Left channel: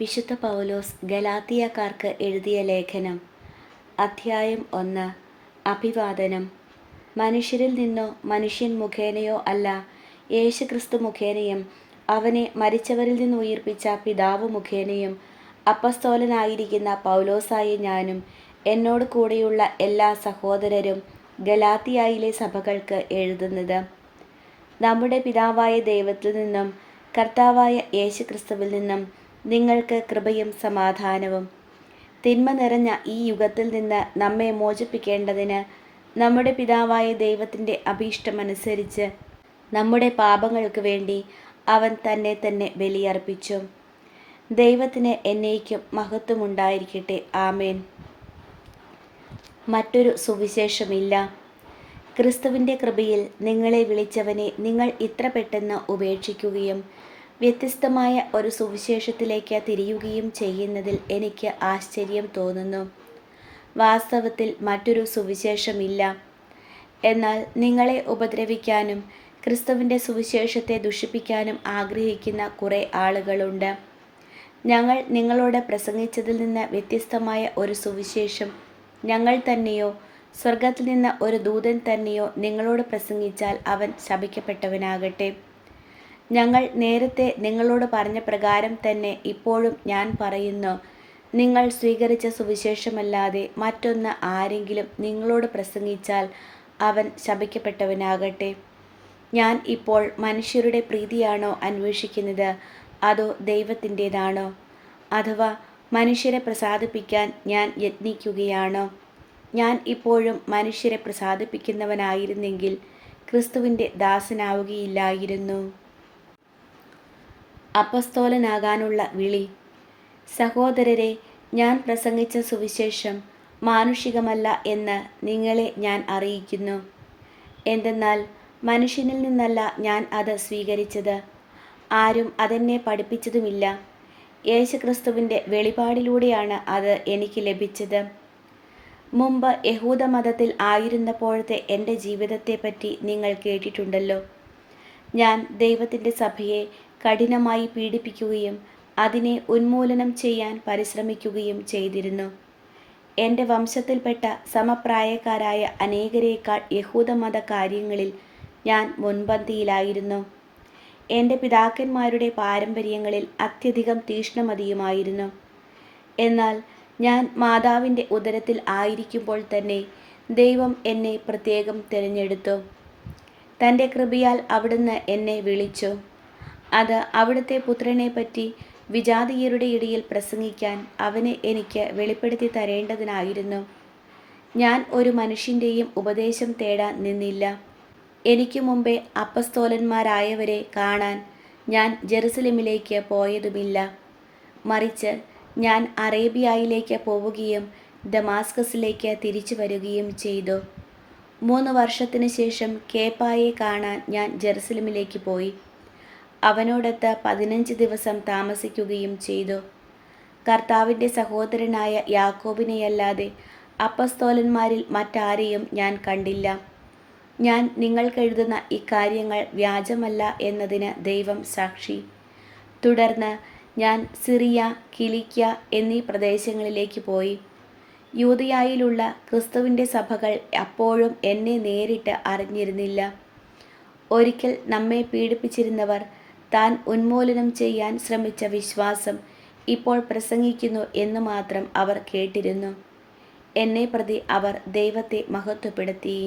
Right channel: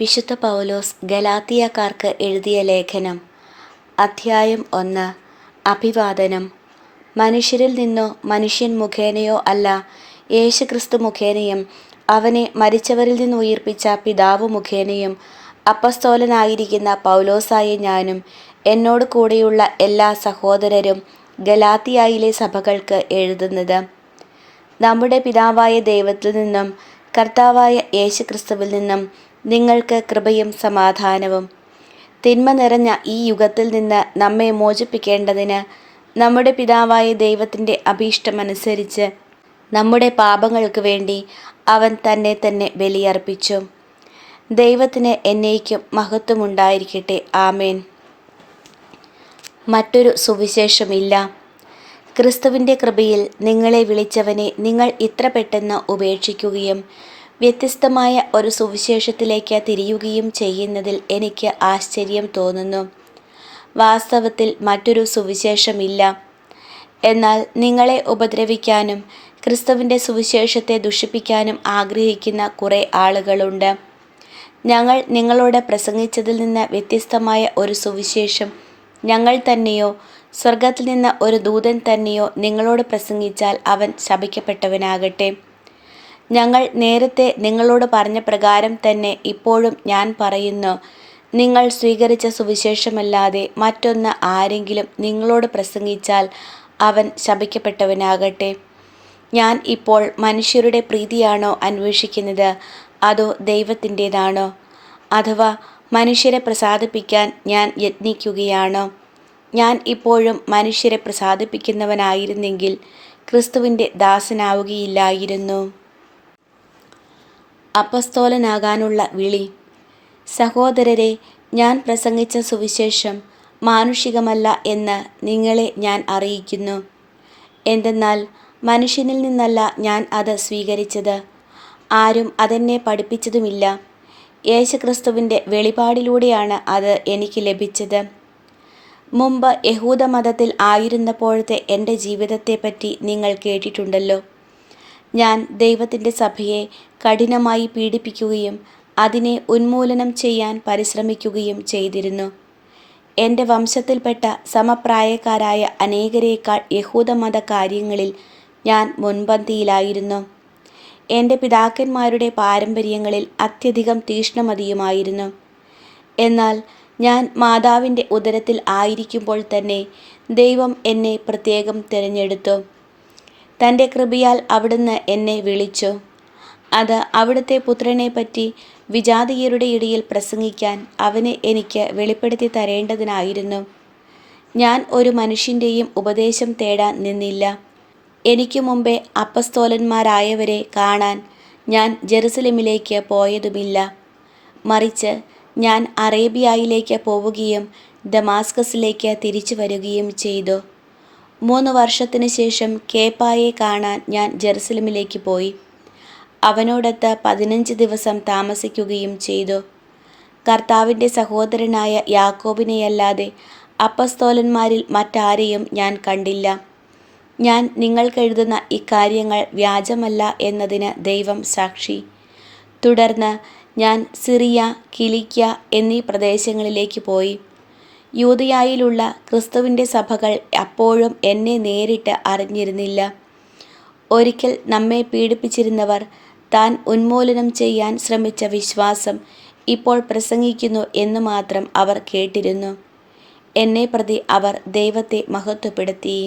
വിശുദ്ധ പൗലോസ് ഗലാത്തിയക്കാർക്ക് എഴുതിയ ലേഖനം, അധ്യായം 1. അഭിവാദനം. മനുഷ്യരിൽ നിന്നോ മനുഷ്യൻ മുഖേനയോ അല്ല, യേശുക്രിസ്തു മുഖേനയും അവനെ മരിച്ചവരിൽ നിന്ന് ഉയിർപ്പിച്ച പിതാവ് മുഖേനയും അപ്പസ്തോലനായിരിക്കുന്ന പൗലോസായ ഞാനും എന്നോട് കൂടെയുള്ള എല്ലാ സഹോദരരും ഗലാത്തിയായിലെ സഭകൾക്ക് എഴുതുന്നത്. നമ്മുടെ പിതാവായ ദൈവത്തിൽ നിന്നും കർത്താവായ യേശുക്രിസ്തുവിൽ നിന്നും നിങ്ങൾക്ക് കൃപയും സമാധാനവും. തിന്മ നിറഞ്ഞ ഈ യുഗത്തിൽ നിന്ന് നമ്മെ മോചിപ്പിക്കേണ്ടതിന് നമ്മുടെ പിതാവായ ദൈവത്തിൻ്റെ അഭീഷ്ടമനുസരിച്ച് നമ്മുടെ പാപങ്ങൾക്ക് വേണ്ടി അവൻ തന്നെ തന്നെ ബലിയർപ്പിച്ചു. ദൈവത്തിന് എന്നേക്കും മഹത്വമുണ്ടായിരിക്കട്ടെ. ആമേൻ. മറ്റൊരു സുവിശേഷമില്ല. ക്രിസ്തുവിൻ്റെ കൃപയിൽ നിങ്ങളെ വിളിച്ചവനെ നിങ്ങൾ ഇത്ര പെട്ടെന്ന് ഉപേക്ഷിക്കുകയും വ്യത്യസ്തമായ ഒരു സുവിശേഷത്തിലേക്ക് തിരിയുകയും ചെയ്യുന്നതിൽ എനിക്ക് ആശ്ചര്യം തോന്നുന്നു. വാസ്തവത്തിൽ മറ്റൊരു സുവിശേഷമില്ല. എന്നാൽ നിങ്ങളെ ഉപദ്രവിക്കാനും ക്രിസ്തുവിൻ്റെ സുവിശേഷത്തെ ദുഷിപ്പിക്കാനും ആഗ്രഹിക്കുന്ന കുറേ ആളുകളുണ്ട്. ഞങ്ങൾ നിങ്ങളോട് പ്രസംഗിച്ചതിൽ നിന്ന് വ്യത്യസ്തമായ ഒരു സുവിശേഷം ഞങ്ങൾ തന്നെയോ സ്വർഗത്തിൽ നിന്ന് ഒരു ദൂതൻ തന്നെയോ നിങ്ങളോട് പ്രസംഗിച്ചാൽ അവൻ ശപിക്കപ്പെട്ടവനാകട്ടെ. ഞങ്ങൾ നേരത്തെ നിങ്ങളോട് പറഞ്ഞ പ്രകാരം തന്നെ ഇപ്പോഴും ഞാൻ പറയുന്നു, നിങ്ങൾ സ്വീകരിച്ച സുവിശേഷമല്ലാതെ മറ്റൊന്ന് ആരെങ്കിലും നിങ്ങളോട് പ്രസംഗിച്ചാൽ അവൻ ശപിക്കപ്പെട്ടവനാകട്ടെ. ഞാൻ ഇപ്പോൾ മനുഷ്യരുടെ പ്രീതിയാണോ അന്വേഷിക്കുന്നത്, അതോ ദൈവത്തിൻ്റേതാണോ? അഥവാ മനുഷ്യരെ പ്രസാദിപ്പിക്കാൻ ഞാൻ യത്നിക്കുകയാണോ? ഞാൻ ഇപ്പോഴും മനുഷ്യരെ പ്രസാദിപ്പിക്കുന്നവനായിരുന്നെങ്കിൽ ക്രിസ്തുവിൻ്റെ ദാസനാവുകയില്ലായിരുന്നു. അപ്പസ്തോലനാകാനുള്ള വിളി. സഹോദരരെ, ഞാൻ പ്രസംഗിച്ച സുവിശേഷം മാനുഷികമല്ല എന്ന് നിങ്ങളെ ഞാൻ അറിയിക്കുന്നു. എന്തെന്നാൽ മനുഷ്യനിൽ നിന്നല്ല ഞാൻ അത് സ്വീകരിച്ചത്, ആരും അതെന്നെ പഠിപ്പിച്ചതുമില്ല. യേശുക്രിസ്തുവിൻ്റെ വെളിപാടിലൂടെയാണ് അത് എനിക്ക് ലഭിച്ചത്. മുമ്പ് യഹൂദമതത്തിൽ ആയിരുന്നപ്പോഴത്തെ എൻ്റെ ജീവിതത്തെപ്പറ്റി നിങ്ങൾ കേട്ടിട്ടുണ്ടല്ലോ. ഞാൻ ദൈവത്തിൻ്റെ സഭയെ കഠിനമായി പീഡിപ്പിക്കുകയും അതിനെ ഉന്മൂലനം ചെയ്യാൻ പരിശ്രമിക്കുകയും ചെയ്തിരുന്നു. എൻ്റെ വംശത്തിൽപ്പെട്ട സമപ്രായക്കാരായ അനേകരേക്കാൾ യഹൂദമത കാര്യങ്ങളിൽ ഞാൻ മുൻപന്തിയിലായിരുന്നു. എൻ്റെ പിതാക്കന്മാരുടെ പാരമ്പര്യങ്ങളിൽ അത്യധികം തീക്ഷ്ണമതിയുമായിരുന്നു. എന്നാൽ ഞാൻ മാതാവിൻ്റെ ഉദരത്തിൽ ആയിരിക്കുമ്പോൾ തന്നെ ദൈവം എന്നെ പ്രത്യേകം തിരഞ്ഞെടുത്തു. തൻ്റെ കൃപയാൽ അവിടുന്ന് എന്നെ വിളിച്ചു. അത് അവിടുത്തെ പുത്രനെപ്പറ്റി വിജാതീയരുടെ ഇടയിൽ പ്രസംഗിക്കാൻ അവനെ എനിക്ക് വെളിപ്പെടുത്തി തരേണ്ടതിനായിരുന്നു. ഞാൻ ഒരു മനുഷ്യൻ്റെയും ഉപദേശം തേടാൻ നിന്നില്ല. എനിക്ക് മുമ്പേ അപ്പസ്തോലന്മാരായവരെ കാണാൻ ഞാൻ ജെറുസലേമിലേക്ക് പോയതുമില്ല. മറിച്ച് ഞാൻ അറേബ്യയിലേക്ക് പോവുകയും ദമാസ്കസിലേക്ക് തിരിച്ചു വരികയും ചെയ്തു. 3 വർഷത്തിന് ശേഷം കേപ്പായെ കാണാൻ ഞാൻ ജെറുസലേമിലേക്ക് പോയി. അവനോടൊത്ത് 15 ദിവസം താമസിക്കുകയും ചെയ്തു. കർത്താവിൻ്റെ സഹോദരനായ യാക്കോബിനെയല്ലാതെ അപ്പസ്തോലന്മാരിൽ മറ്റാരെയും ഞാൻ കണ്ടില്ല. ഞാൻ നിങ്ങൾക്കെഴുതുന്ന ഇക്കാര്യങ്ങൾ വ്യാജമല്ല എന്നതിന് ദൈവം സാക്ഷി. തുടർന്ന് ഞാൻ സിറിയ, കിലിക്യ എന്നീ പ്രദേശങ്ങളിലേക്ക് പോയി. യൂദയായിലുള്ള ക്രിസ്തുവിൻ്റെ സഭകൾ അപ്പോഴും എന്നെ നേരിട്ട് അറിഞ്ഞിരുന്നില്ല. ഒരിക്കൽ നമ്മെ പീഡിപ്പിച്ചിരുന്നവർ താൻ ഉന്മൂലനം ചെയ്യാൻ ശ്രമിച്ച വിശ്വാസം ഇപ്പോൾ പ്രസംഗിക്കുന്നു എന്ന് മാത്രം അവർ കേട്ടിരുന്നു. എന്നെ പ്രതി അവർ ദൈവത്തെ മഹത്വപ്പെടുത്തി.